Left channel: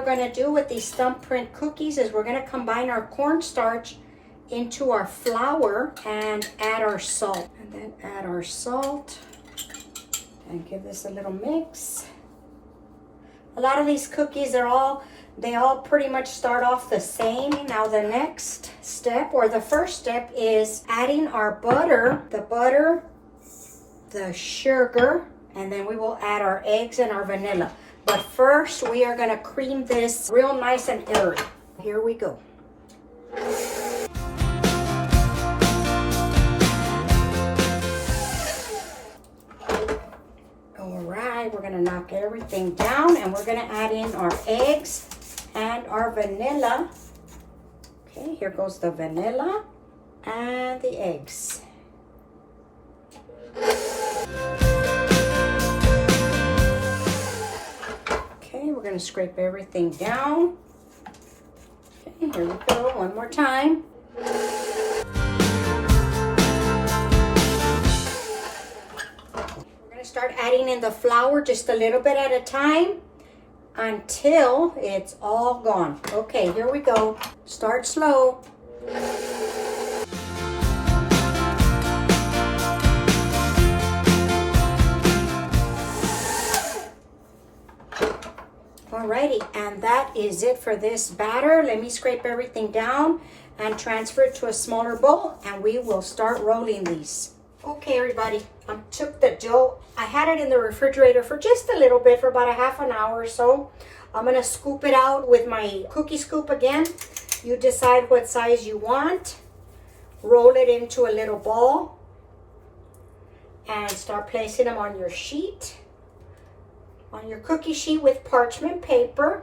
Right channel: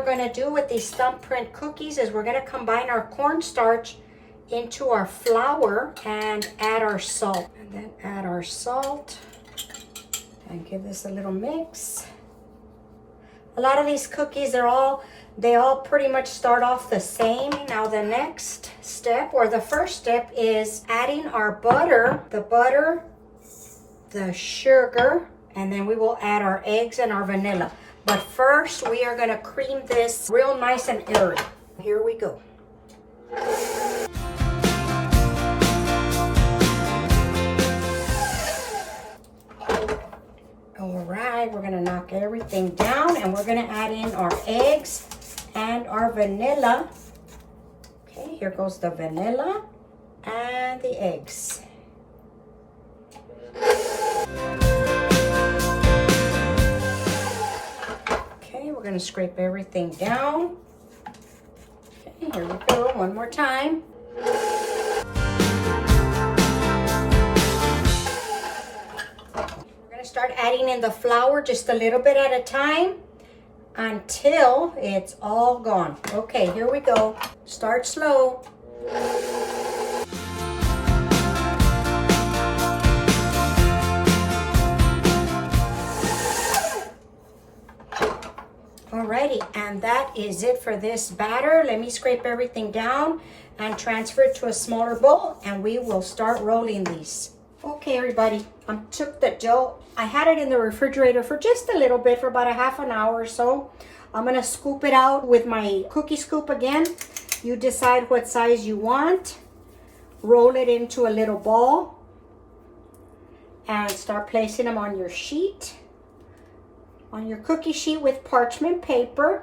are going to do with these Thumbprint cookies is we're going to combine our cornstarch into our flour and add our salt. And then add our salt and give this a little mix. A lot of these cookies, they all pretty much start off the same. Now the next step, or the first step, is adding our butter, the sugar, and then we will add our eggs and our vanilla. But first, we are gonna cream this real nice and airy. Here we go. All right, we're gonna knock everything down and we're gonna add in our eggs and our vanilla. Okay, here goes the vanilla and the eggs. Okay, we're gonna scrape everything down. Okay, here we go, one more time. We're gonna start adding in the flour just a little bit at a time until it's all gone. Okay, here we go. Start slow. Alrighty, and that is it for this batter. Let me scrape everything down and transfer it to a smaller bowl, and we will start rolling these. Okay, everybody, I took the dough. I had it in the refrigerator for just a little bit, for about a half an hour or so. I'm gonna scoop it out with my cookie scoop again. You decide what size you want. Roll it into a little ball and start placing them on your sheet. On your cookie sheet with parchment paper.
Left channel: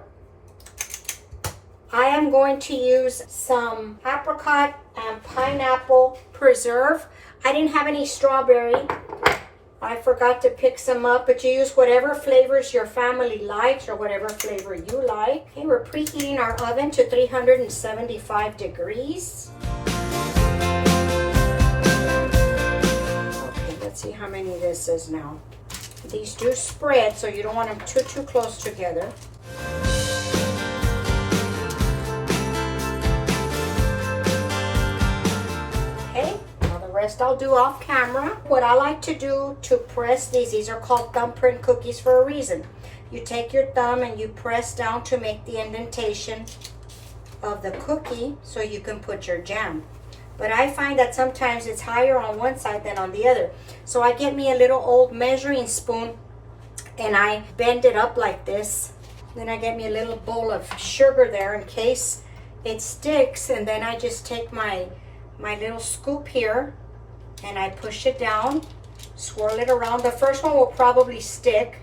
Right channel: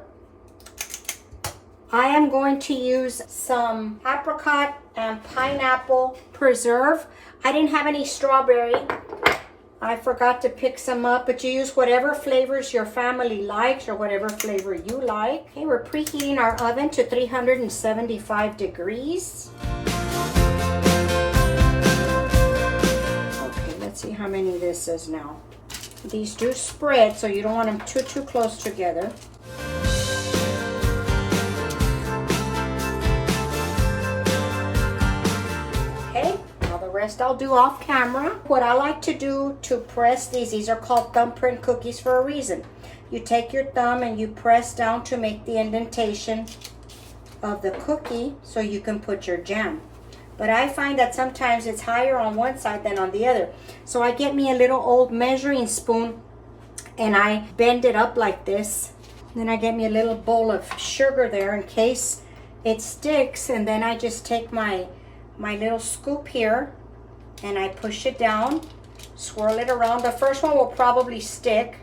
I am going to use some apricot and pineapple preserve. I didn't have any strawberry. I forgot to pick some up, but you use whatever flavors your family likes or whatever flavor you like. Okay, we're preheating our oven to 375 degrees. Okay, let's see how many this is now. These do spread, so you don't want them too close together. Okay, now the rest I'll do off camera. What I like to do to press these are called thumbprint cookies for a reason. You take your thumb and you press down to make the indentation of the cookie so you can put your jam. But I find that sometimes it's higher on one side than on the other. So I get me a little old measuring spoon and I bend it up like this. Then I get me a little bowl of sugar there in case it sticks. And then I just take my little scoop here and I push it down, swirl it around. The first one will probably stick.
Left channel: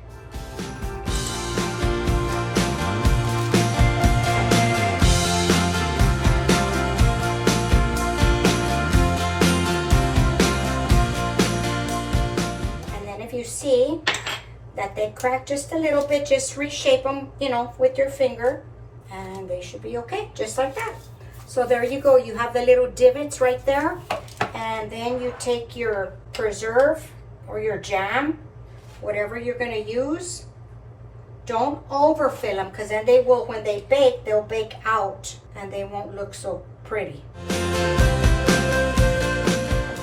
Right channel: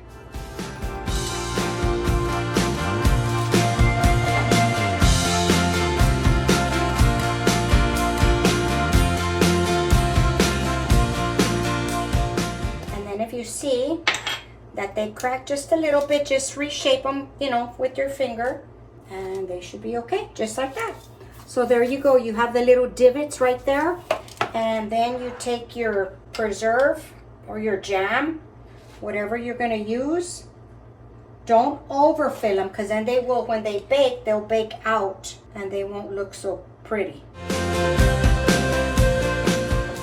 You see that they crack just a little bit, just reshape them, you know, with your finger, and they should be okay, just like that. So there you go. You have the little divots right there, and then you take your preserve or your jam, whatever you're going to use. Don't overfill them, because then they will, when they bake, they'll bake out and they won't look so pretty.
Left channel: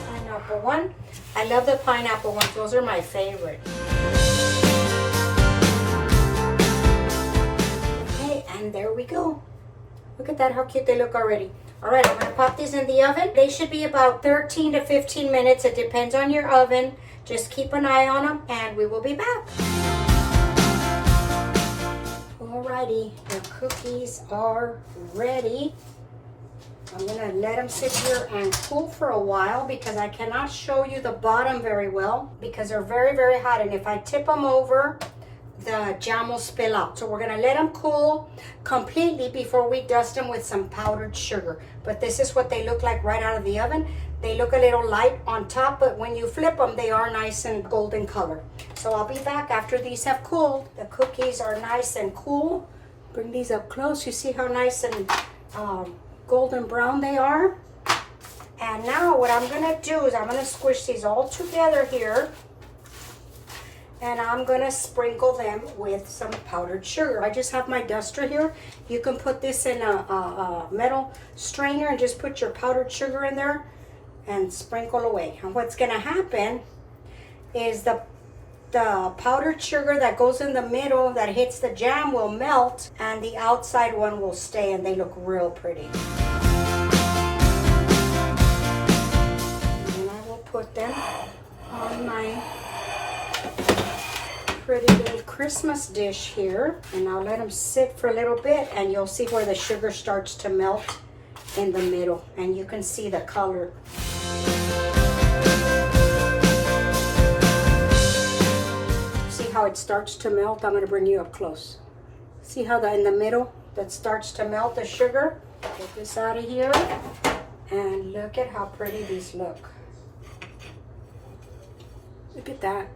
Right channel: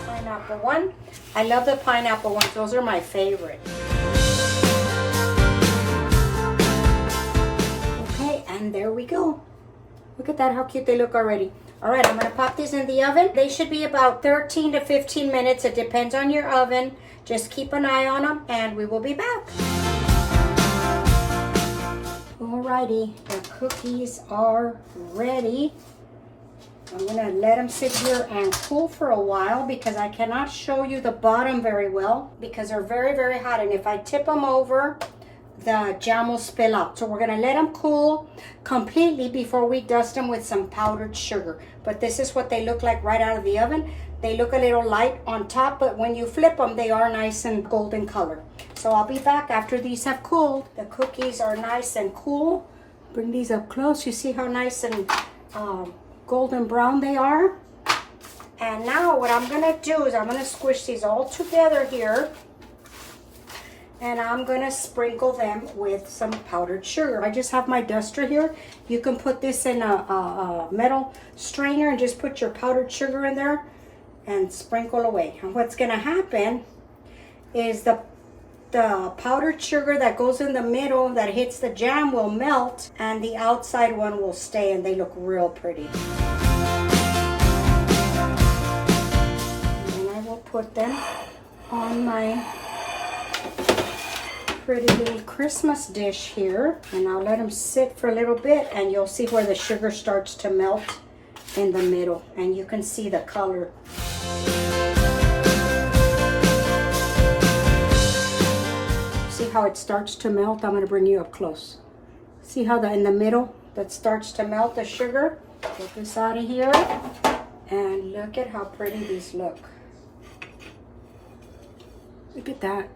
Pineapple one. I love the pineapple ones. Those are my favorite. Okay, and there we go. Look at that, how cute they look already. All right, I'm gonna pop these in the oven. They should be about 13 to 15 minutes. It depends on your oven. Just keep an eye on them and we will be back. Alrighty, the cookies are ready. I'm gonna let them sit here and cool for a while because I cannot show you the bottom very well because they're very, very hot. And if I tip them over, the jam will spill out. So we're gonna let them cool completely before we dust them with some powdered sugar. But this is what they look like right out of the oven. They look a little light on top, but when you flip them, they are nice and golden color. So I'll be back after these have cooled. The cookies are nice and cool. Bring these up close. You see how nice and golden brown they are. And now what I'm gonna do is I'm gonna squish these all together here And I'm gonna sprinkle them with some powdered sugar. I just have my duster here. You can put this in a metal strainer and just put your powdered sugar in there and sprinkle away. And what's gonna happen is the powdered sugar that goes in the middle that hits the jam will melt, and the outside one will stay, and they look real pretty. And I will put them on my pretty little Christmas dish here, and I'll let them sit for a little bit, and you'll see where the sugar starts to melt in the middle, and you can see the color. See how it starts to melt? I'm going to bring you up close. See how in the middle that starts to melt the sugar? Get this out of here, and look at how pretty these look. Look at that.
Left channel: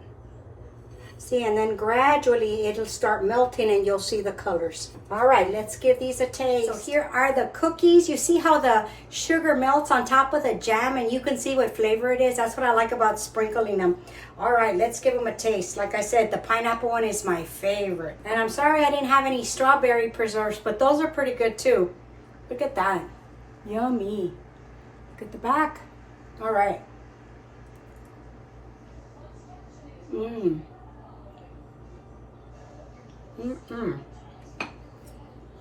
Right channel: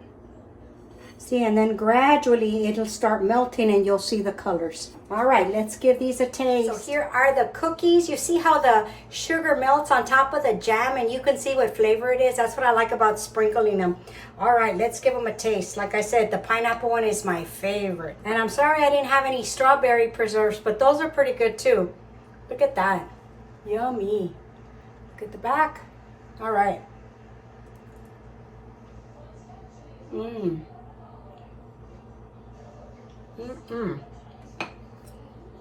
See, and then gradually it'll start melting and you'll see the colors. All right, let's give these a taste. So here are the cookies. You see how the sugar melts on top of the jam, and you can see what flavor it is. That's what I like about sprinkling them. All right, let's give them a taste. Like I said, the pineapple one is my favorite. And I'm sorry I didn't have any strawberry preserves, but those are pretty good too. Look at that. Yummy. Look at the back. All right. Mmm.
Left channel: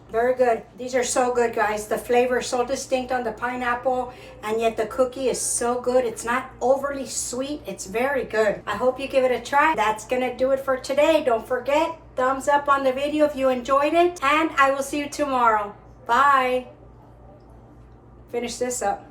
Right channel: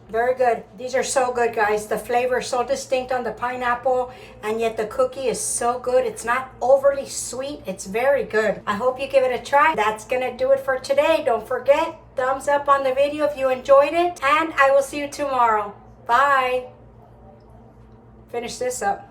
Very good. These are so good, guys. The flavor is so distinct on the pineapple, and yet the cookie is so good. It's not overly sweet. It's very good. I hope you give it a try. That's gonna do it for today. Don't forget, thumbs up on the video if you enjoyed it, and I will see you tomorrow. Bye. Finish this up.